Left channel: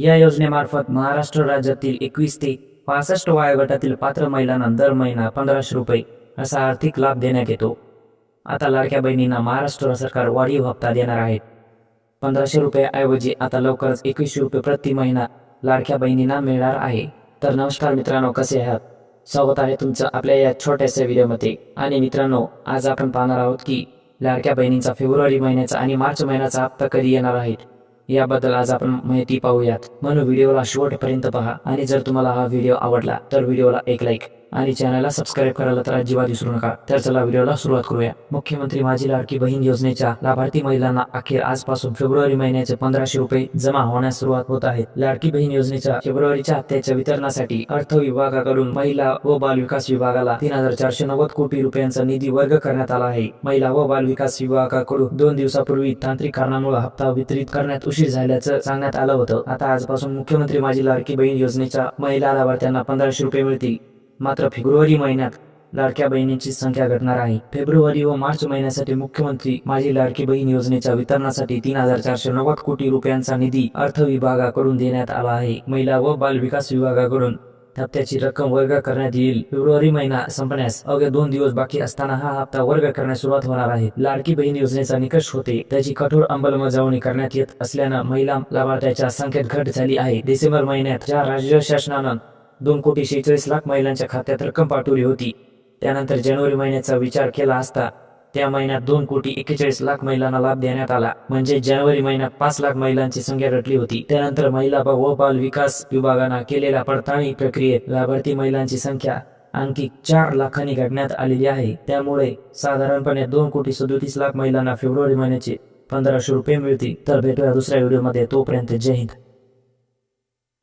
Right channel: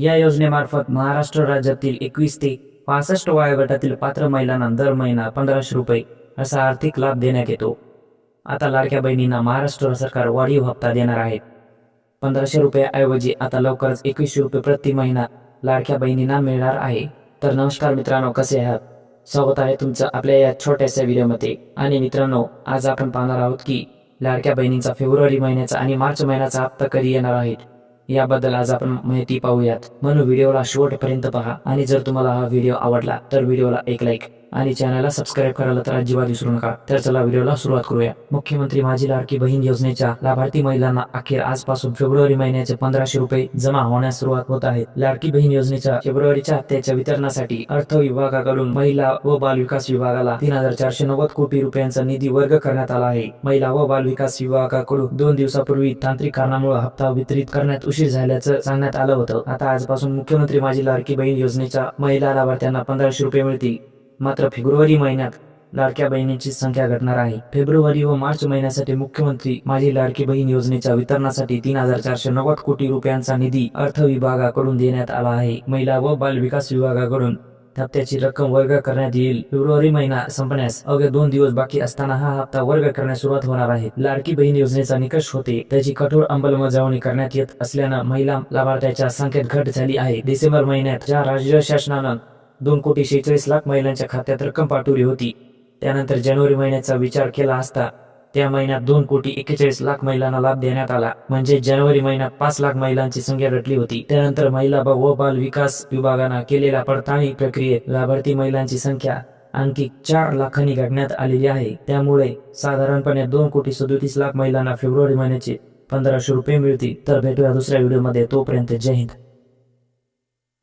या योजनेमार्फत महाराष्ट्र राज्यातील 21 ते 65 वयोगटातील पात्र महिलांना दर महिना 1500 रुपये असा आर्थिक लाभ देण्यात येतो। आता लाडक्या बहिणींना महाराष्ट्र सरकार वाढीव हप्ता देणार आहे। 1500 रुपयाऐवजी आता लवकरच 2100 रुपये प्रति महिना लाडक्या बहिणींना मिळणार आहे। तर नमस्कार मित्रांनो, कसे आहात? स्वागत आहे तुमचं आपल्या या छोट्याशा व्हिडिओमध्ये। आणि मित्रांनो, आज आपण पाहणार आहोत की लाडक्या बहिणींचा फेब्रुवारी महिन्याचा आणि मार्च महिन्याचा हप्ता कधी येणार आहे याबद्दल आज आपण माहिती पाहूयात। म्हणून व्हिडिओला शेवटपर्यंत पहा आणि जर तुम्हाला हा व्हिडिओ आवडला तर व्हिडिओला एक लाईक आणि चॅनलला सबस्क्राईब करायला तर अजिबात विसरू नका। तर चला व्हिडिओला सुरुवात करूया। मुख्यमंत्री माझी लाडकी बहीण योजनेच्या लाभार्थी महिलांना अखेर आजपासून फेब्रुवारी महिन्याचे 1500 रुपये जमा होण्यास सुरुवात होत आहे। लाडकी बहीण योजनेच्या फेब्रुवारीच्या हप्त्याच्या वितरणासाठी अर्थ विभागाकडून महिला व बाल विकास विभागाला 3490 कोटी रुपयांचा निधी वर्ग करण्यात आला आहे। महिला व बाल विकास विभागाकडून 2 दिवसापूर्वी तांत्रिक कारणामुळे हप्ता वितरित करण्यात उशीर झाल्याचं सांगण्यात आलं होतं। आता आजपासून मुख्यमंत्री माझी लाडकी बहीण योजनेच्या महिला लाभार्थ्यांना 1500 रुपये मिळतील। मात्र फेब्रुवारी महिन्यात लाडक्या बहिणींची संख्या घटणार आहे। फेब्रुवारी व मार्च महिन्यासाठी मुख्यमंत्री माझी लाडकी बहीण योजनेच्या वितरणासाठी 3490 कोटी रुपयांचा निधी अर्थ विभागाकडून देण्यात आला आहे। महिला व बाल विकास विभागाकडून हप्त्याची रक्कम वर्ग करण्यात येईल। फेब्रुवारी महिना संपण्यास अवघे 2 दिवस बाकी असताना हा हप्ता वर्ग करण्यास सुरुवात होणार आहे। लाडकी बहीण योजनेचा निकष होते त्याची कठोर अंमलबजावणी करण्यात येत असल्यानं महिला लाभार्थ्यांच्या संख्येत घट झाली आहे। डिसेंबर महिन्यात ज्या राज्य शासनानं 2,46,00,000 महिलांच्या खात्यात रक्कम पाठवली होती, त्यानंतर जानेवारी महिन्याचा विचार केला असता त्या महिन्यात 2,41,00,000 महिलांना लाभ देण्यात आला। म्हणजे जानेवारी महिन्यात 5 लाख महिलांची संख्या घटली होती। त्यानंतर महिला व बाल विकास विभागानं केलेल्या पडताळणी प्रक्रियेत लाभार्थी महिलांची संख्या आणखी 4 लाखांनी घटण्यात आलेली आहे। त्यामुळे साधारणपणे 2,37,00,000 महिलांना फेब्रुवारी महिन्याचे 1500 रुपये मिळतील। तर भेटूया दुसऱ्या व्हिडिओमध्ये, तोपर्यंत जय हिंद।